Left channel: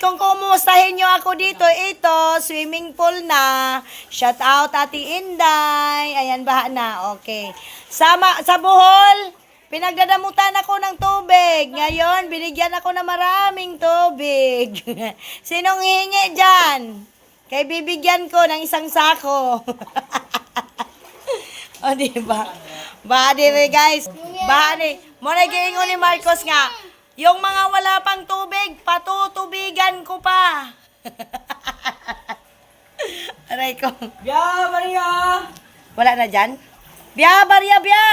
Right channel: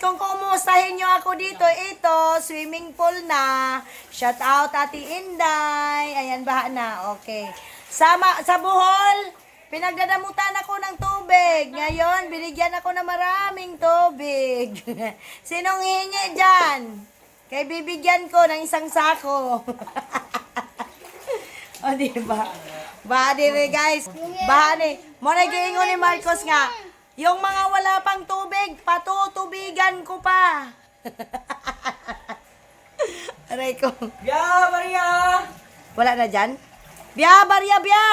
kung kumustahin nyo ako dito, ito, swimming pool na. Shout out Ate Inday. Ayan, baha na. Okay. Sa Bohol, pinagdadamutan ako ng tubig. Ngayon, binigyan ako ng maraming tubig. Sinong hihingi dyan? Kaya bibigyan ko ng isang sako. O, diba? Baha din guys. Baha din. Muna giingon ni Marcos nga, yung mga wala pang tubig, patutubigan ko pa. Aray ko. Biya, Maria! Wala na dyan? Biya, Maria, biya!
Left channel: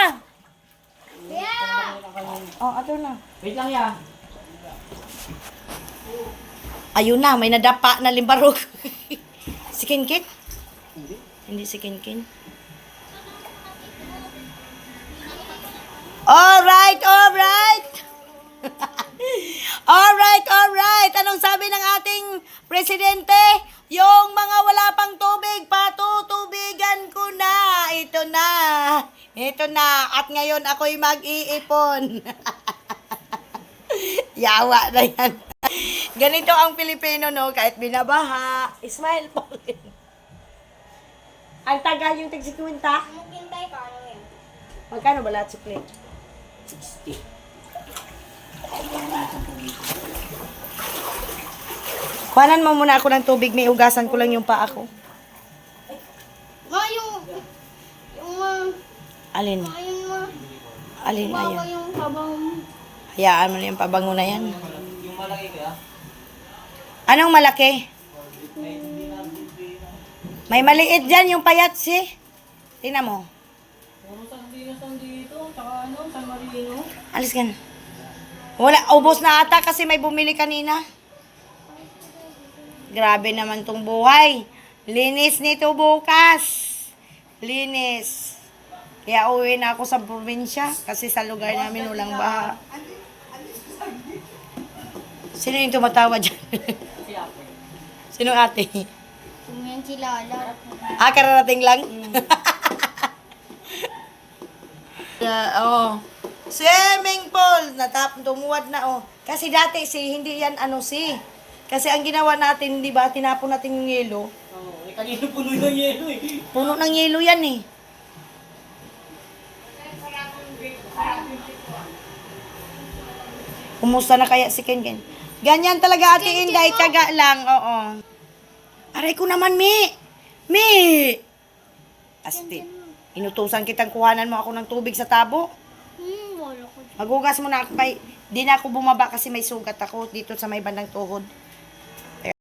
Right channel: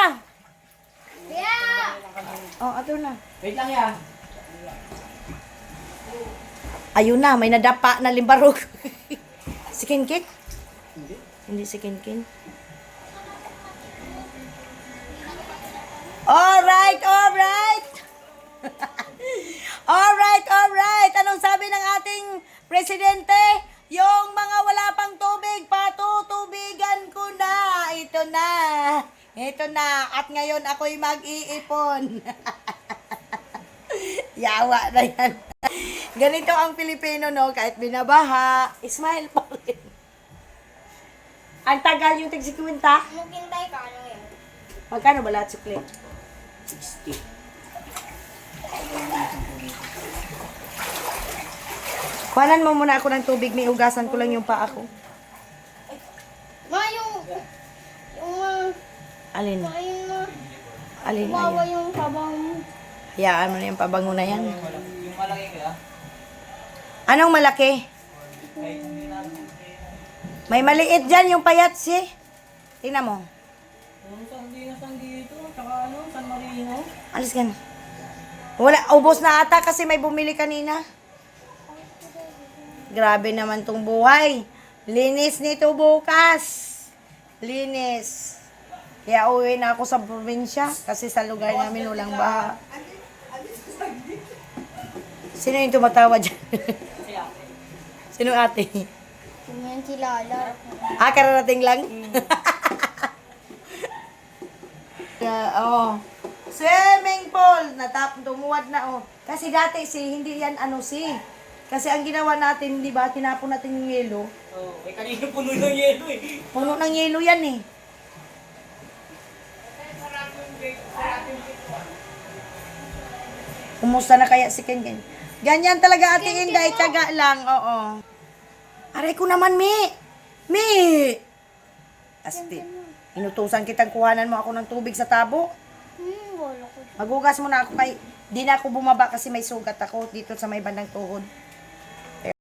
Biya! Oh, ato na. Wait lang ya. Ayun na, may nadapa na limbarog. Si Kinkin? Hindi si Kinkin. Alright, alright. Alright. Anong sabi ng ating presidente? Yung mga wala pang tubig, patutubigan ko na. Ito na. At ngayon ako'y mag-iipon. Yawa na yan. Ganito ang Pilipino, no? Kahit binabaha, smile pa rin. Ang tagal yung tig-sikwinta. Maghintay ka, ano yun? Magkano ba lahat sukli? 60. Kuhanan mo muna ako ng tubig, may ugasan ko lang yung paa ko. Yung Alin? ayun mo. Alin na Bawa yan? yung pabang mo. Hayaan mo na yung pabango na yan. Yung malaki ka? Anong malaki? May maliit dyan, yung payatsi. Tingnan mo. Saan dito? Tsaka ano? San Marino? Alis ka na. Wala, ubos na ata kasi may bumili kanina. Grabe naman tong buhay. Linis nito bukas. Linis. Kaya uwi na ako sa probinsya kasi sa lugar namin walang baha. Sino yung tumatawa dyan? Sino ate? Kung yan kilala. Ah, kararating lang? Oh. Swimming pool. Tumuwad na, oh. Kasi dati, hindi yan, Kasi ang ginawa natin, di ba, tinapon natin yung yelo. Oo. Kanina puno ng yelo eh. Puno ng yelo yan, eh. Kumusta na kaya si Kenken? Ganyan talaga, Ate Inday, tiyaga lang, oo. Aray ko naman, Mi! Asti, inutusan kitang kuhanan mo ako ng tubig sa tabo. Wala ko. Magugas mo na ako kay... Di na ako bumaba kasi may sugat ako dito sa may bandang tuhod.